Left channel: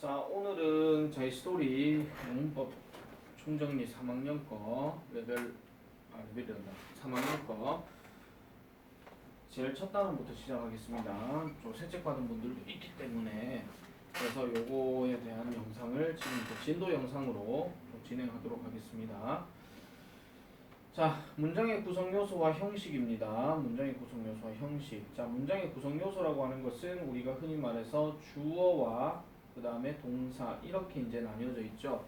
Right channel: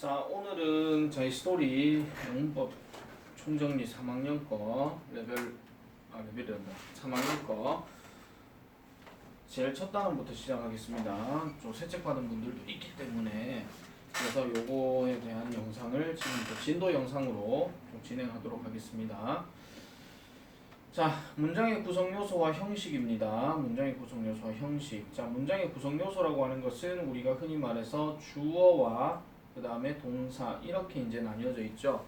자, 오늘은 저희 스토리 영문법 총정리 3학년 거 레벨이란다. 3학년 거 제일 첫 단원부터 시작하겠습니다. 좀 새책 받은 분들도 있기 때문에 그래서 요거에 대한 영상을 지금부터 진도 영상으로 좀 진행하도록 하겠습니다. 자, 문장의 구성 요소와 형식입니다. 문장의 구성 요소와 형식. 자, 문장의 구성 요소라고 하는 것은 우리가 흔히 말해서 주어와 그 다음에 동사 이렇게 이제 나뉘어져 있죠.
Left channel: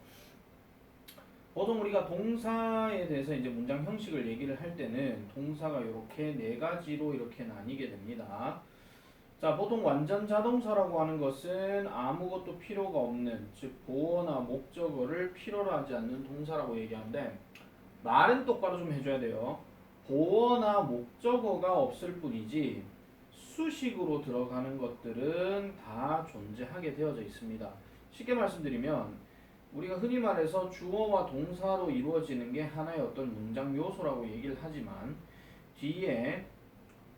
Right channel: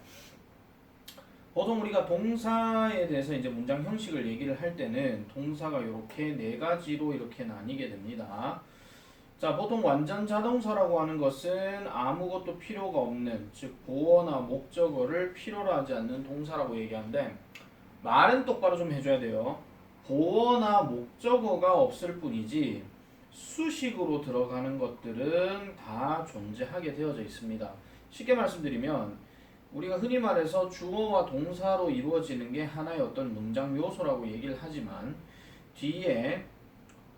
보통 우리가 동사에 대해서 이제 문장 형식을 얘기를 할 때는 동사가 이렇게 네 가지로 이렇게 나뉘게 됩니다. 자, 보통 완전 자동사라고 하는 것은 아무것도 필요가 없는, 즉 보어나 목적어를 필요로 하지 않는 동사라고 얘기하는데 말은 똑바로 좀 해줘야 돼요. 보어나 목적어가 없을 뿐이지 수식으로 들어가는 것들은 다 존재하게 되어져 있습니다. 쉽게 말씀드리면 우리가 흔히 말해서 주어와 동사로 이루어지는 게 하나의 어떤 문장 요소라고 얘기를 하지만 뒤에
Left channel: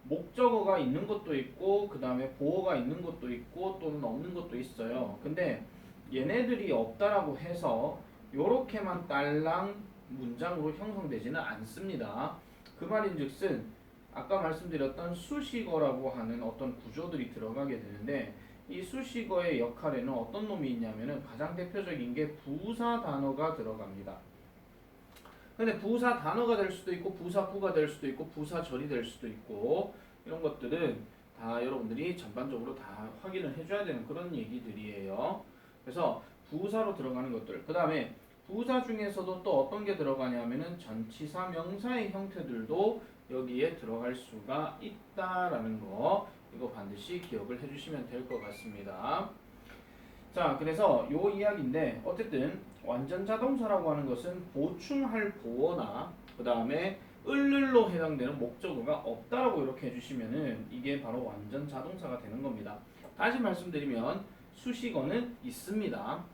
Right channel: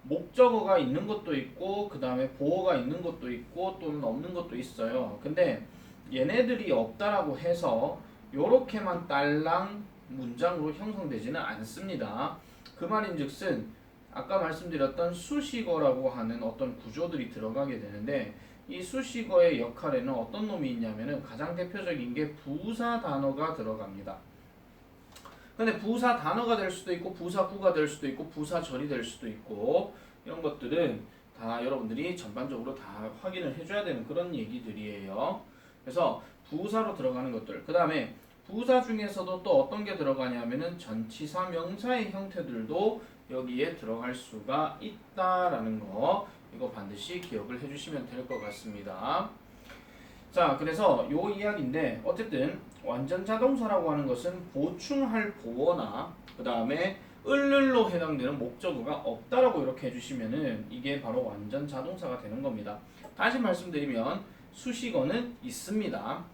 목적어가 있는 것도 있고 그 다음에 보어가 있는 것도 있고 또는 없는 것도 있어요. 근데 얘네들이 없다라고 해서 요렇게만 딸랑 문장으로 형성되지는 않습니다. 그 말인즉슨 아까 말씀드렸던 수식어라고 하는 어떤 구조들이 들어가게 되는데 이 수식어의 역할에는 어떤 놈이 있냐면은 가장 대표적인 게 부사 단어가 들어갑니다. 근데 부사 단어가 될 수도 있고 부사구가 될 수도 있고 부사절이 될 수도 있고 이런 것들은 다 여러분들이 전반적으로 다 확인을 해줘야 되는 그런 얘기들이에요. 그래서 부사로 들어가는 것들, 그 다음에 부사 중에서도 또 어떤 게 들어가냐면은 전치사 명사의 형태들도 여기에 들어갈 수가 있다라는 거, 이거 반드시 기억을 해주시면 될 것 같습니다. 자, 그래서 요 이야기인데 어쨌든 완전 자동사라고 하는 것은 보충할 보어나 그 다음에 을를로 해당되는 목적어가 없다라고 이렇게 해주시면은 이게 바로 완전 자동사가 되는 겁니다. 다시 말씀드리면 수식어는 있습니다.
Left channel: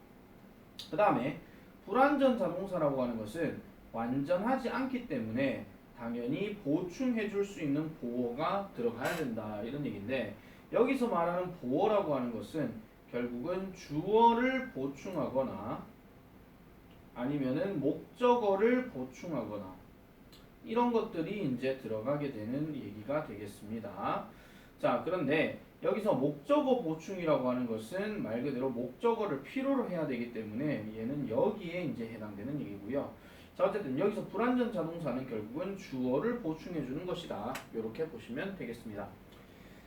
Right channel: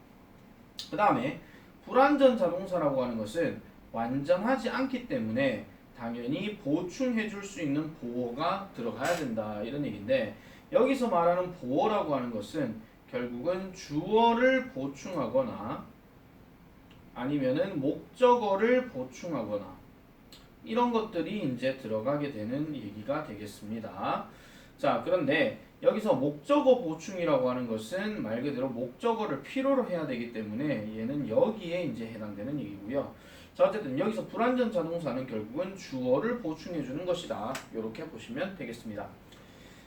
그 다음에 불완전 자동사라고 하는 것은 완전하지 않기 때문에 당연히 보충해 줄 수 있는 보어가 들어가야 된다 이런 얘기인데 여기서 말하는 보어라고 하는 것은 결국은 주어를 보충하거나 아니면은 목적어를 보충하거나 이런 것들이 이제 들어가게 되는 얘기가 되겠습니다. 자, 그런데 여기서 목적어 보충이라고 하는 것은 말 그대로 목적어를 필요로 해야 되기 때문에 얘는 여기에 이제 해당되는 얘기고요. 자, 어쨌든 여기서 불완전 자동사는 결국은 주어를 보충해 주는 것이다. 이렇게 보시면 되겠습니다.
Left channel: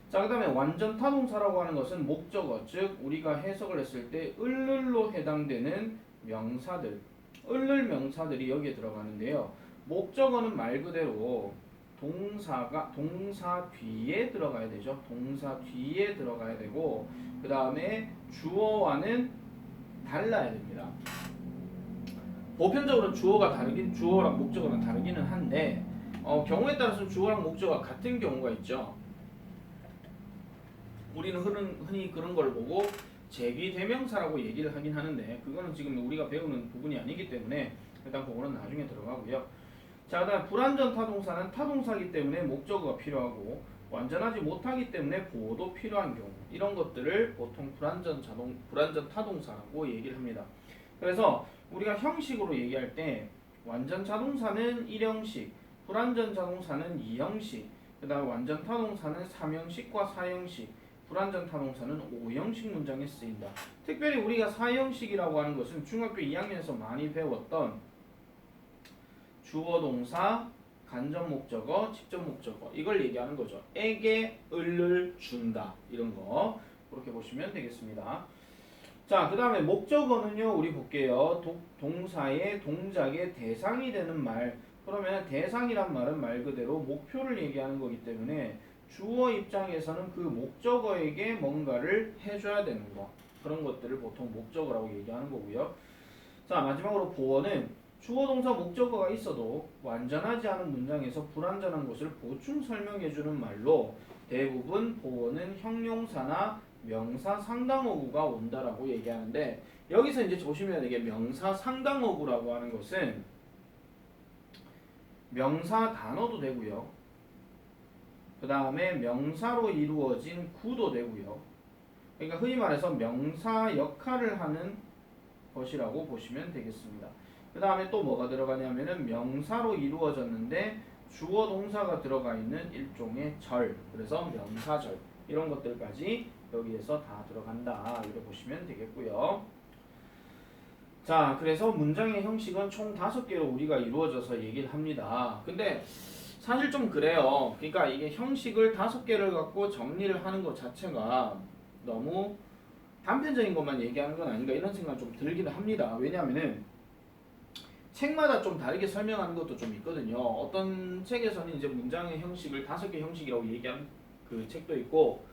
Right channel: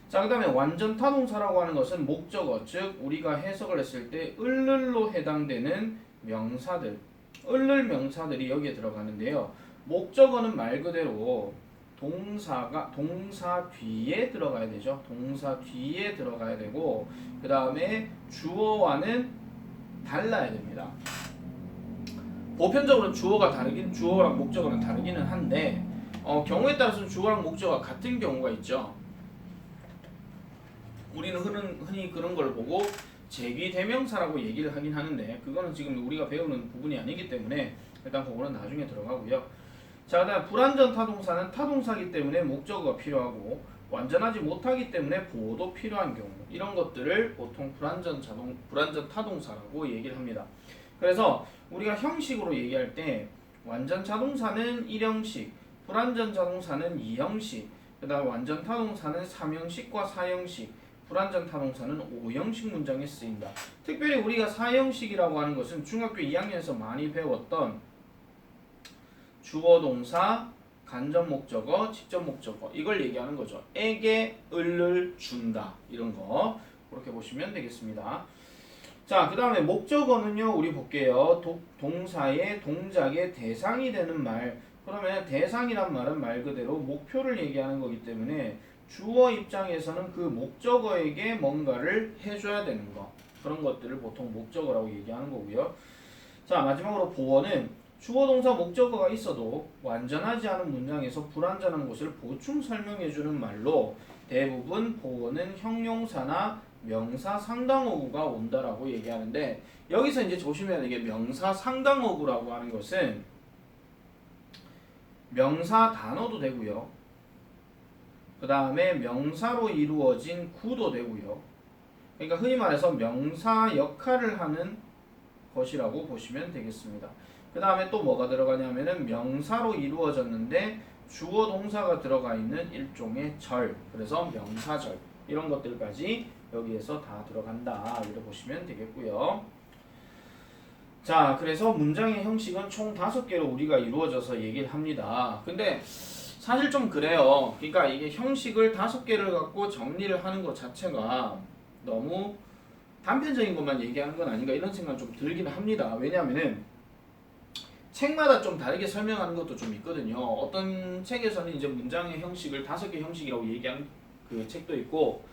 자, 그 다음에 완전 타동사라고 하는 것은 목적어, 즉 우리가 해석을 했을 때 을를로 해당되는 명사들, 을를 명사들이 여기에 들어가는데요. 목적어는 말 그대로 동사 뒤에 들어가야 되죠. 동사 뒤에 들어가야 되고 그 다음에 주어와는 달라야 됩니다. 보편적으로 주어랑 목적어는 다르기는 한데 경우에 따라서는 주어랑 목적어가 같은 경우가 있죠. 우리는 흔히 그런 걸 보고 제비대명사라고 얘기를 하긴 하는데 그거는 지금 우리가 배우는 부분이 아니기 때문에 일단 그거는 나중에 들어가고요. 자, 그다음 불완전 타동사는 타동사이기 때문에 목적어가 필요하고 완전하지 못하기 때문에 보어도 필요한 경우 이런 것들을 보통 불완전 타동사라고 얘기를 합니다. 그래서 우리가 형식으로 얘기할 때 완전 자동사는 1형식, 불완전 자동사는 2형식, 그 다음에 완전 타동사는 3형식과 4형식, 불완전 타동사는 5형식 문장에 쓰인다. 특별히 우리가 4형식이라고 하는 것은 중학교 2학년에서 많이 배웠던 주어 동사, 간접 목적어, 직접 목적어 이걸 얘기하는 거죠. 에게 을을 준다 이런 거 그렇게 보시면 되겠습니다. 자, 그 다음에 목적어는요 우리 볼게요. 동사의 동작의 대상이 되는 말. 그러면 대상이란 말은 말 그대로 목표를 얘기하는 거기 때문에 주어 입장에서는 그 목적어에게 뭔가를 해줘야 되는 거 그런 것들을 보통 목적어라고 얘기하는 거고요. 자, 마지막으로 보어는 주어 동사 목적어가 있어도 완전하지 않은 문장에서 불완전한 것을 보충 설명해주는 말로 대부분 보어는 형용사나 명사 상당어구가 온다라고 얘기하는데 여기서 이제 조심해야 되게 명사 상당어구라고 하는 것은 명사 단어도 되고요. 그 다음에 명사로 이루어진 구도 되고요. 그러니까 흔히 말해서 명사 역할을 하는 것이라고 보시면 되겠습니다. 그 다음에 또 뭐가 들어가냐면은 명사로 이루어졌는데 주어 동사가 들어가 있는 일종의 절, 그래서 명사절 이런 것들까지 여기에서 다 들어간다 이렇게 보시면 되겠고요. 자, 그래서 문장의 형식은 총 5개로 우리가 이루어져서 얘기를 합니다. 근데 사실 좀 그래요. 그러니까 이게 형식을 5개를 갖고 정리를 하는 것 자체가 너무 단편적인 것만 얘기하는 건 아닌가 이런 생각 좀 들기는 합니다. 왜냐하면은 책마다 좀 다르게 설명하는 것도 좀 있거든요. 어떤 책에서는 이제 문장의 형식을 5개 형식이라고 얘기하는 그 책도 있고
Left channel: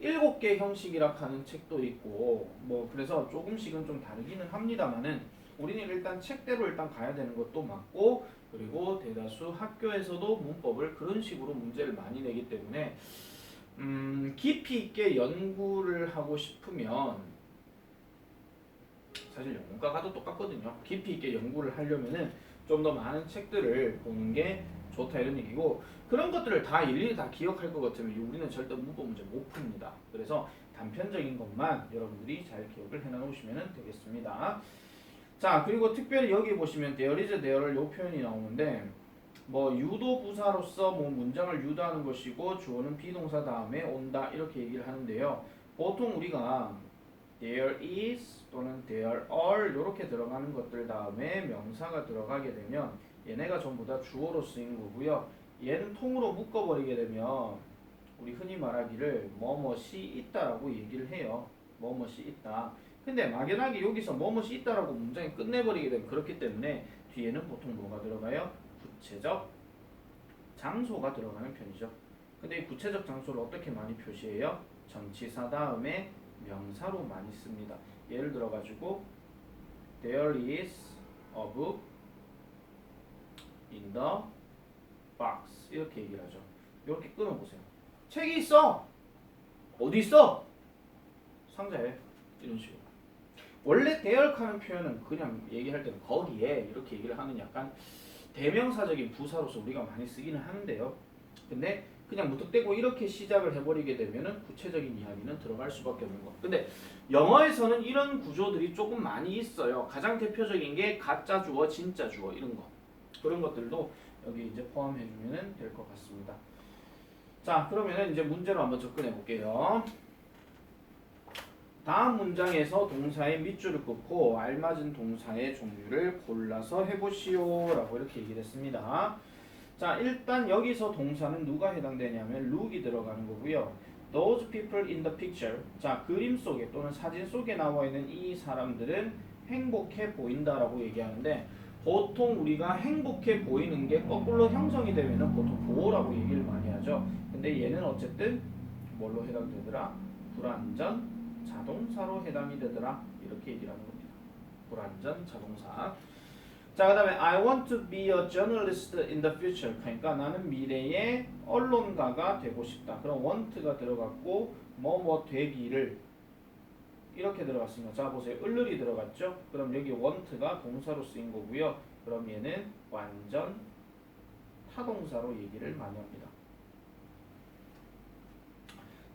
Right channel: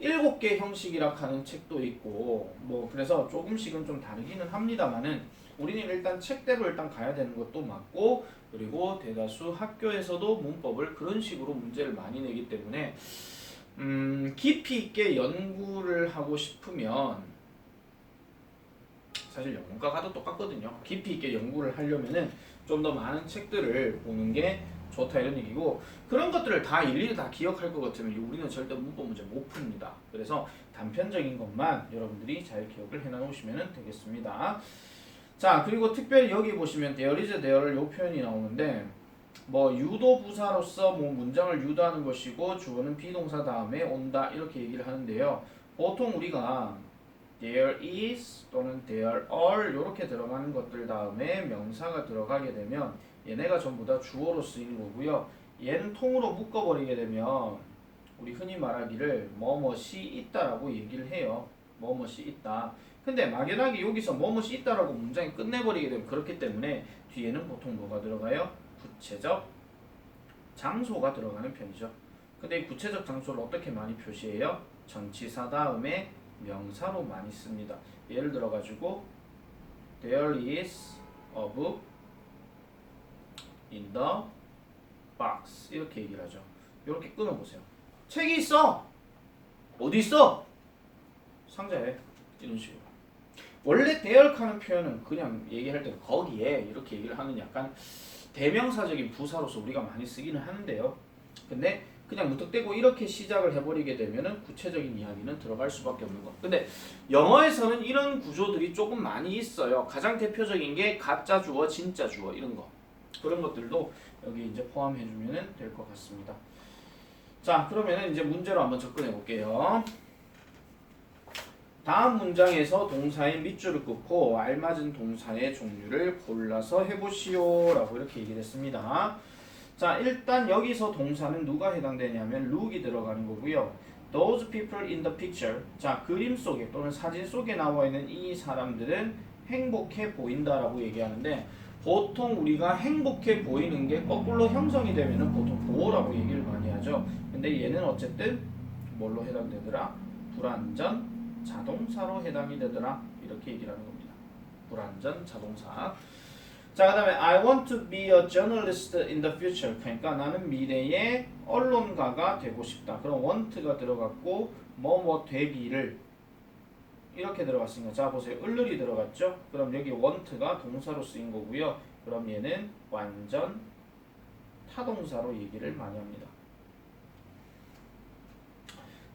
7개 형식이라 하는 책도 있고 뭐 그래서 조금씩은 좀 다르기는 합니다만은 우리는 일단 책대로 일단 가야 되는 것도 맞고 그리고 대다수 학교에서도 문법을 그런 식으로 문제를 많이 내기 때문에 깊이 있게 연구를 하고 싶으면 사실 영문과 가도 똑같거든요. 깊이 있게 연구를 하려면은 좀 더 많은 책들을 보는 게 좋다 이런 얘기고 그런 것들을 다 일일이 다 기억할 것 같으면 우리는 절대 문법 문제 못 풉니다. 그래서 단편적인 것만 여러분들이 잘 기억을 해놓으시면 되겠습니다. 자, 그리고 특별히 여기 보시면 there is, there를 요 표현이 나오는데 뭐 유도 부사로서 뭐 문장을 유도하는 것이고 주어는 비동사 다음에 온다 이렇게 얘기를 하는데요. 보통 우리가 there is 또는 there are 이렇게 들어가는 것들 다음에 명사가 들어가게 되면 얘네가 전부 다 주어로 쓰이는 거고요. 얘는 통으로 묶어버리게 되면 우리 흔히 말하기를 뭐뭇이 있다라고 얘기를 해요. 뭐뭇이 있다. 근데 막연하게 여기서 뭐뭇이 있다라고 문장이 끝내버리게 되면 그렇기 때문에 뒤에는 보통 뭐가 들어가요? 구체적 장소가 들어가는 편이죠. 근데 이 구체적 장소를 어떻게 많이 표시해요? 전치사 다음에 명사로 많이 씁니다. 예를 들어 가지고 there is a book in the box 이렇게 얘기를 하죠. 이렇게 끊어보세요. 책이 있어. 어디 있어? 상자에. 이런 식으로. 원래 대열하는 표현은 그냥 얘기할 때는 거기에 이렇게 얘기를 하는 약간 대명사적인 부사로서 우리가 많이 쓰기는 하는데요. 근데 그냥 무턱대고 이렇게 시작을 해버리게 되면은 구체적인 이야기는 들어갈 수밖에 없는 거. 근데 영어에서는 이런 구조들이 조금 많이 있어요. 가장 대표적인 게 가짜 주어, 진짜 주어 이런 거. 그런 것들도 여기 이제 포함해주면 될 것 같습니다. 자, 그러면은 이제 문제로 한번 접근해 볼게요. 다음 문장에서 동사의 밑줄을 긋고 알맞은 동사의 종류를 골라서 해보시오 라고 이렇게 얘기를 했습니다. 자, 일단 여기서 동사는 누가 해당되냐면 look이 들어가는 거고요. Those people in the picture. 자, 그림 속에 또는 사진 속에 나와 있는 이 사람들은 행복해 보인다라고 얘기하는데 보통 우리가 행복해 보이는 게 거꾸로 형성이 되면은 보통 보호라고 얘기를 많이 하죠. 근데 얘는 어쨌든 뭘로 해당되더라? 불완전 자동사로 해당이 되더라. 이렇게 얘기를 하는 겁니다. 불완전 자동사. 자, 그 다음에 I want to be a journalist in the future. 그러니까 나는 미래의 언론가가 되고 싶다. 그럼 want가 들어갔고 뭐뭐 되기를 이렇게 들어갔습니다. 자, 보세요. 을을이 들어갔죠? 그럼 여기 want가 동사로 쓰인 거고요. 그럼 얘는 완전 타동사로 얘기를 많이 합니다.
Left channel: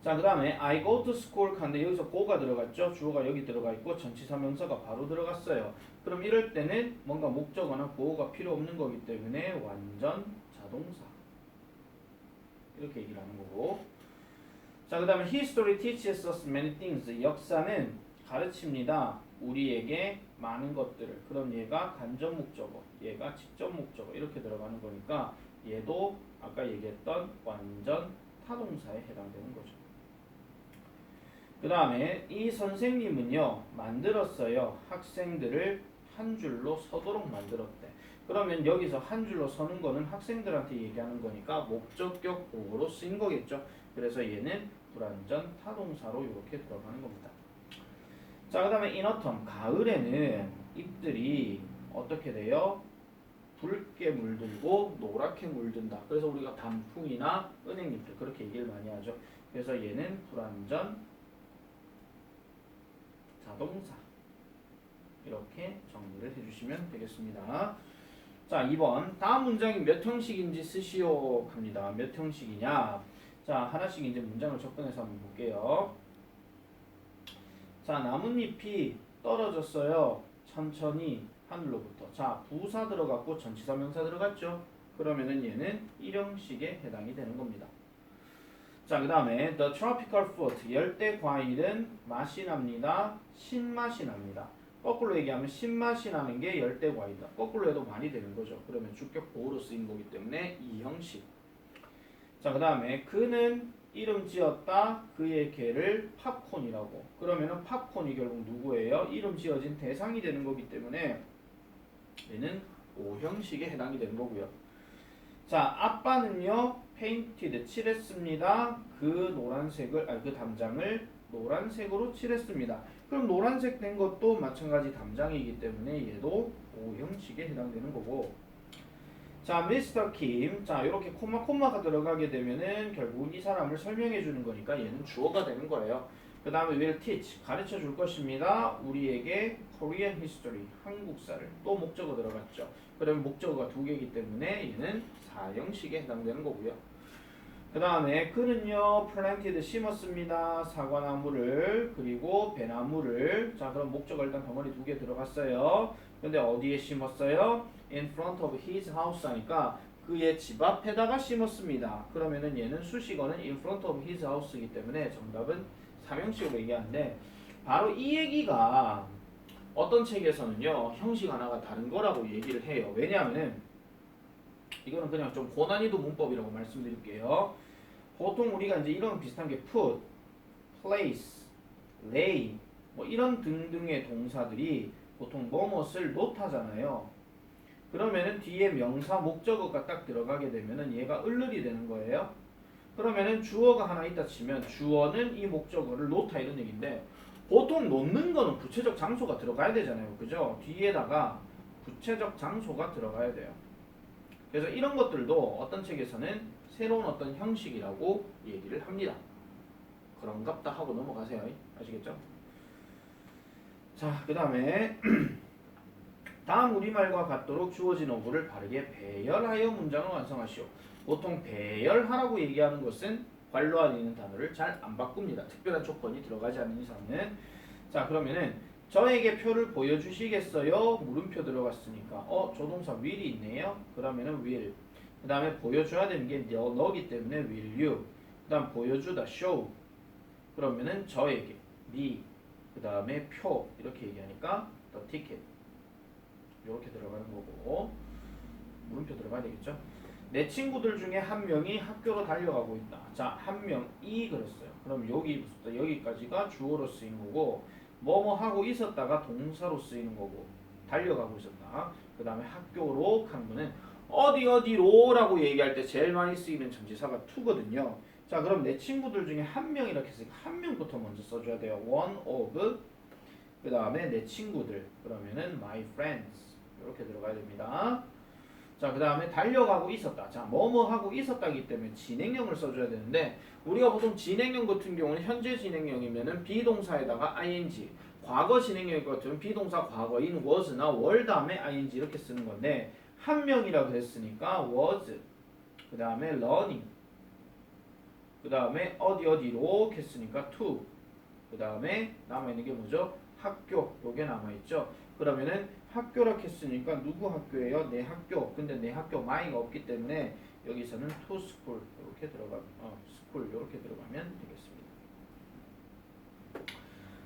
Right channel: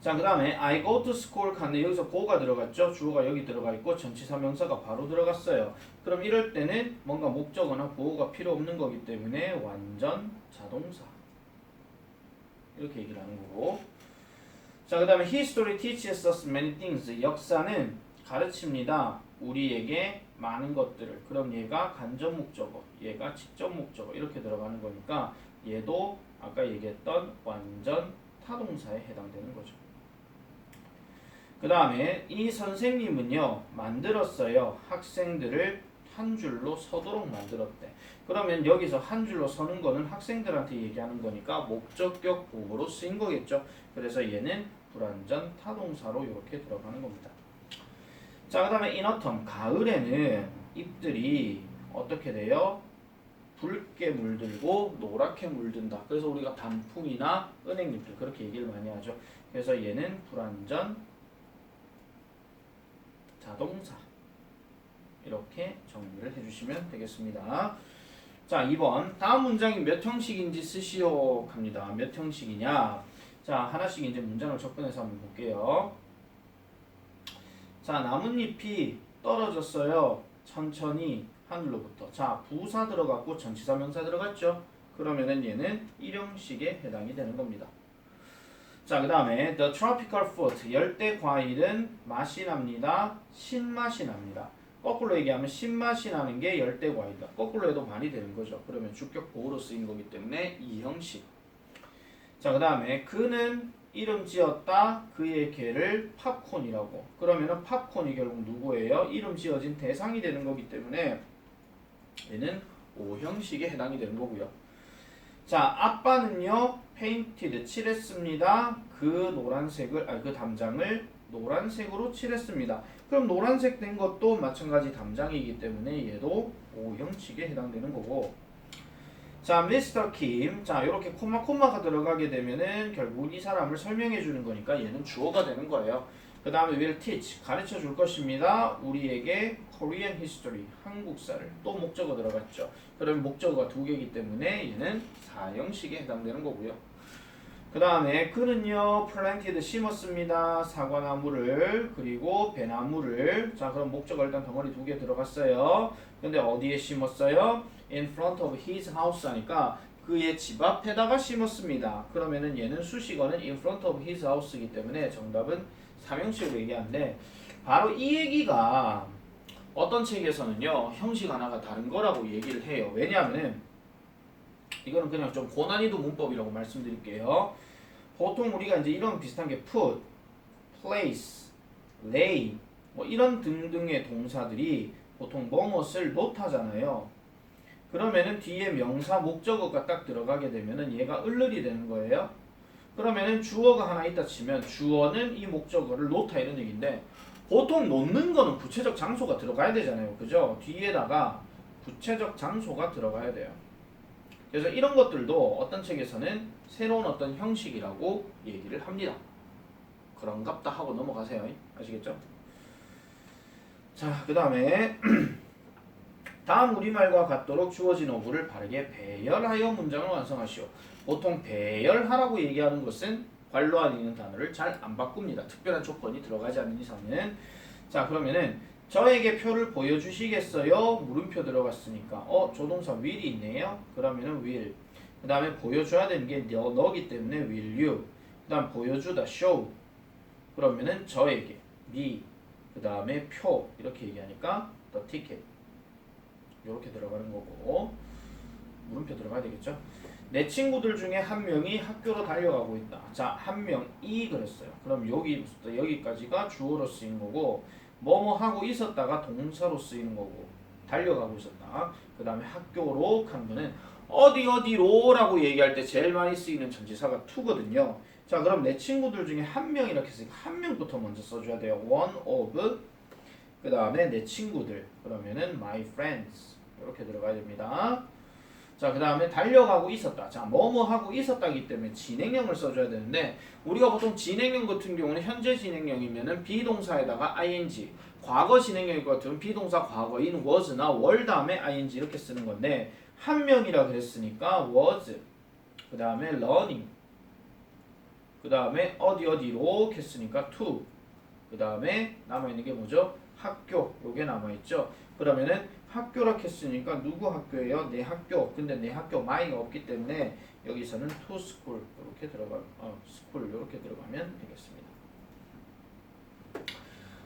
자, 그 다음에 I go to school 갔는데 여기서 go가 들어갔죠? 주어가 여기 들어가 있고 전치사 명사가 바로 들어갔어요. 그럼 이럴 때는 뭔가 목적어나 보호가 필요 없는 거기 때문에 완전 자동사 이렇게 얘기를 하는 거고. 자, 그 다음에 history teaches us many things. 역사는 가르칩니다. 우리에게 많은 것들을. 그럼 얘가 간접 목적어, 얘가 직접 목적어 이렇게 들어가는 거니까 얘도 아까 얘기했던 완전 타동사에 해당되는 거죠. 그 다음에 이 선생님은요 만들었어요. 학생들을 한 줄로 서도록 만들었대. 그러면 여기서 한 줄로 서는 거는 학생들한테 얘기하는 거니까 목적격 보호로 쓰인 거겠죠. 그래서 얘는 불완전 타동사로 이렇게 들어가는 겁니다. 자, 그 다음에 in autumn 가을에는 잎들이 어떻게 돼요? 붉게 물들고 노랗게 물든다. 그래서 우리가 단풍이나 은행잎들 그렇게 얘기를 많이 하죠. 그래서 얘는 불완전 자동사 이렇게 정리를 해주시면 되겠습니다. 자, 2번 다음 문장이 몇 형식인지 쓰시오 합니다. 몇 형식이냐? 자, 하나씩 이제 문장을 접근해서 한번 볼게요. 자, 나뭇잎이 떨어졌어요. 천천히 하늘로부터. 자, 부사 들어갔고 전치사 명사 들어갔죠. 그러면은 얘는 일형식에 해당이 되는 겁니다. 자, 그 다음에 the tropical fruit, 열대 과일은 맛이 납니다. 신맛이 납니다. 거꾸로 얘기하면 신맛이 나는 게 열대 과일이다. 거꾸로 해도 말이 되는 거죠. 그러면 주격 보호로 쓰인 거기 때문에 이 형식. 자, 그 다음에 그는 이름 지었다. 그의 개를 팝콘이라고. 그러면은 팝콘이 결국 누구예요? 이름 지어진 대상이 되는 거기 때문에 얘는 O 형식에 해당이 되는 거고요. 자, 아빠는요 painted 칠했습니다. 그 담장을 노란색으로 칠했습니다. 그럼 노란색 된 것도 마찬가지 담장이기 때문에 얘도 O 형식에 해당되는 거고. 자, 미스터 킴. 자, 이렇게 콤마가 들어가게 되면은 결국 이 사람을 설명해 주는 거니까 얘는 주어가 되는 거예요. 그 다음에 will teach, 가르쳐 줄 것입니다. 우리에게 Korean history, 한국사를. 또 목적어 들어갔죠. 그럼 목적어가 두 개이기 때문에 얘는 사형식에 해당되는 거고요. 그 다음에 그는요 planted 심었습니다. 사과나무를 그리고 배나무를. 자, 그럼 목적어 일단 덩어리 두 개 들어갔어요. 근데 어디에 심었어요? In front of his house 하니까 그의 집 앞에다가 심었습니다. 그러면은 얘는 수식어는 in front of his house이기 때문에 정답은 삼형식으로 얘기하는데 바로 이 얘기가 어떤 책에서는요 형식 하나가 다른 거라고 얘기를 해요. 왜냐하면은 이거는 그냥 좀 고난이도 문법이라고 말씀드릴게요. 보통 우리가 이제 이런 비슷한 게 put, place, lay 뭐 이런 등등의 동사들이 보통 뭐뭇을 못하잖아요. 그러면은 뒤에 명사 목적어가 딱 들어가게 되면은 얘가 을을이 되는 거예요. 그러면은 주어가 하나 있다 치면 주어는 이 목적어를 놓다 이런 얘기인데 보통 놓는 거는 구체적 장소가 들어가야 되잖아요. 그죠? 뒤에다가 구체적 장소가 들어가야 돼요. 그래서 이런 것들도 어떤 책에서는 새로운 어떤 형식이라고 얘기를 합니다. 그런갑다 하고 넘어가세요. 아시겠죠? 자, 그 다음에 다음 우리말과 같도록 주어진 어구를 바르게 배열하여 문장을 완성하시오. 보통 배열하라고 얘기하는 것은 관로 안에 있는 단어를 잘 안 바꿉니다. 특별한 조건이 들어가지 않는 이상은. 자, 그러면은 저에게 표를 보여주시겠어요? 물음표 들어갔으니까 조동사 will이 있네요. 그러면은 will. 그 다음에 보여줘야 되는 게 너기 때문에 will you. 그 다음 보여주다 show. 그러면은 저에게 me. 그 다음에 표 이렇게 얘기하니까 the ticket. 이렇게 들어가는 거고 물음표 들어가야 되겠죠. 내 친구들 중에 한 명이 학교로 달려가고 있다. 자, 한 명이 그랬어요. 그럼 여기부터 여기까지가 주어로 쓰인 거고 뭐뭐 하고 있었다가 동사로 쓰이는 거고 달려가고 있었다. 그 다음에 학교로 간 거는 어디로라고 얘기할 때 제일 많이 쓰이는 전치사가 to거든요. 자, 그럼 내 친구들 중에 한 명 이렇게 쓰니까 한 명부터 먼저 써줘야 돼요. one of. 그 다음에 내 친구들. 그러면은 my friends. 이렇게 들어가야 됩니다. 자, 그 다음에 달려가고 있었다. 자, 뭐뭐 하고 있었다기 때문에 진행형을 써줘야 되는데 우리가 보통 진행형 같은 경우는 현재 진행형이면은 비동사에다가 ing, 과거 진행형일 것 같으면 비동사 과거인 was나 were 다음에 ing 이렇게 쓰는 건데 한 명이라 그랬으니까 was, 그 다음에 learning, 그 다음에 어디로 했으니까 to, 그 다음에 남아있는 게 뭐죠? 학교. 요게 남아있죠. 그러면은 학교라 했으니까 누구 학교예요? 내 학교. 근데 내 학교 my가 없기 때문에 여기서는 to school 이렇게 school 이렇게 들어가면 되겠습니다.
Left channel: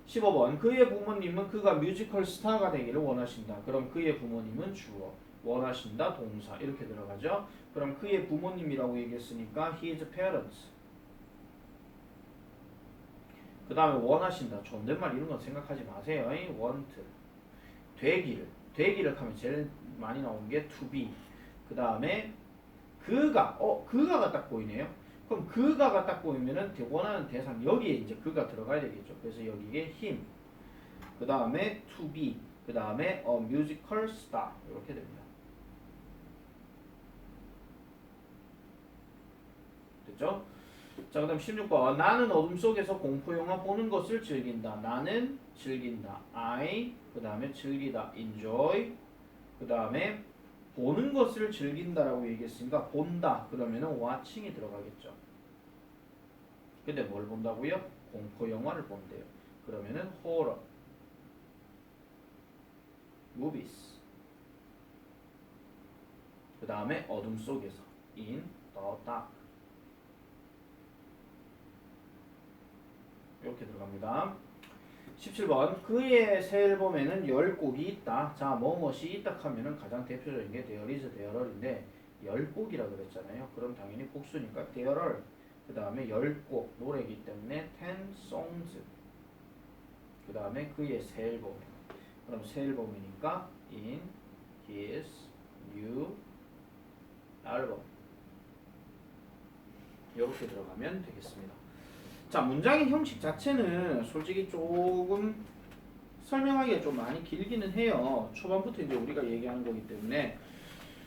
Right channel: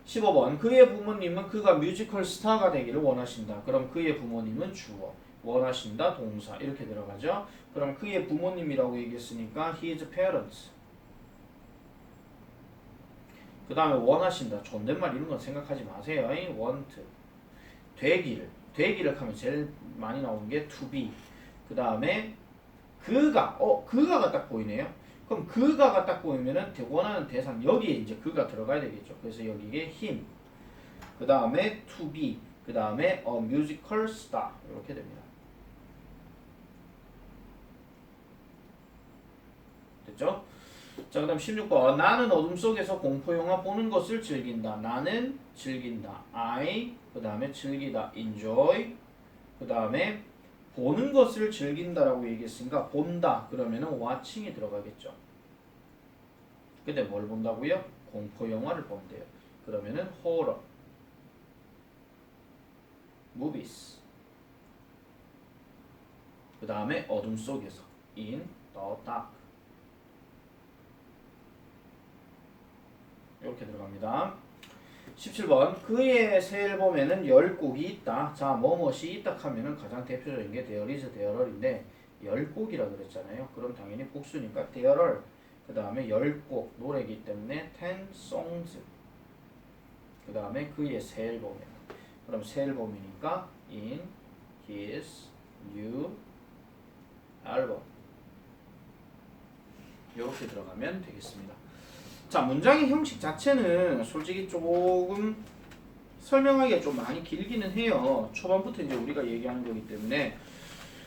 15번 그의 부모님은 그가 뮤지컬 스타가 되기를 원하신다. 그럼 그의 부모님은 주어, 원하신다 동사 이렇게 들어가죠. 그럼 그의 부모님이라고 얘기했으니까 his parents. 그 다음에 원하신다 존댓말 이런 건 생각하지 마세요. want 되기를 하면 제일 많이 나오는 게 to be. 그 다음에 그가가 딱 보이네요. 그럼 그가가 딱 보이면은 원하는 대상 여기에 이제 그가 들어가야 되겠죠. 그래서 여기에 him. 그 다음에 to be. 그 다음에 a musical star 이렇게 됩니다. 됐죠? 자, 그 다음 16번 나는 어둠 속에서 공포영화 보는 것을 즐긴다. 나는 즐긴다. I 그 다음에 즐기다. enjoy 그 다음에 보는 것을 즐긴다라고 얘기했으니까 본다. 그러면은 watching이 들어가겠죠. 근데 뭘 본다고요? 공포영화를 본대요. 그러면은 horror, movies. 그 다음에 어둠 속에서 in the dark. 이렇게 들어갑니다. 17번 그의 새 앨범에는 10곡이 있다. 자, 뭐뭇이 있다 하면은 가장 대표적인 게 there is, there are인데 10곡이라 그랬잖아요. 그럼 당연히 복수니까 there are. 그 다음에 10곡 노래이기 때문에 10 songs. 그 다음에 그의 새 앨범에. 그럼 새 앨범이니까 in his new album. 이렇게 들어가면 되겠습니다. 자, 문장의 형식 자체는 솔직히 조금 설명하기가 좀 많이 길기는 해요. 초반부터 이제 우리가 얘기하는 거기 때문에.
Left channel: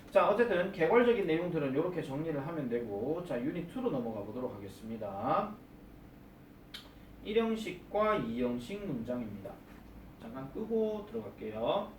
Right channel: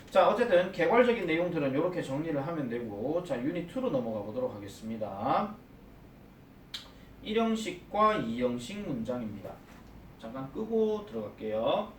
자, 어쨌든 개괄적인 내용들은 이렇게 정리를 하면 되고, 자, 유닛 2로 넘어가 보도록 하겠습니다. 1형식과 2형식 문장입니다. 잠깐 끄고 들어갈게요.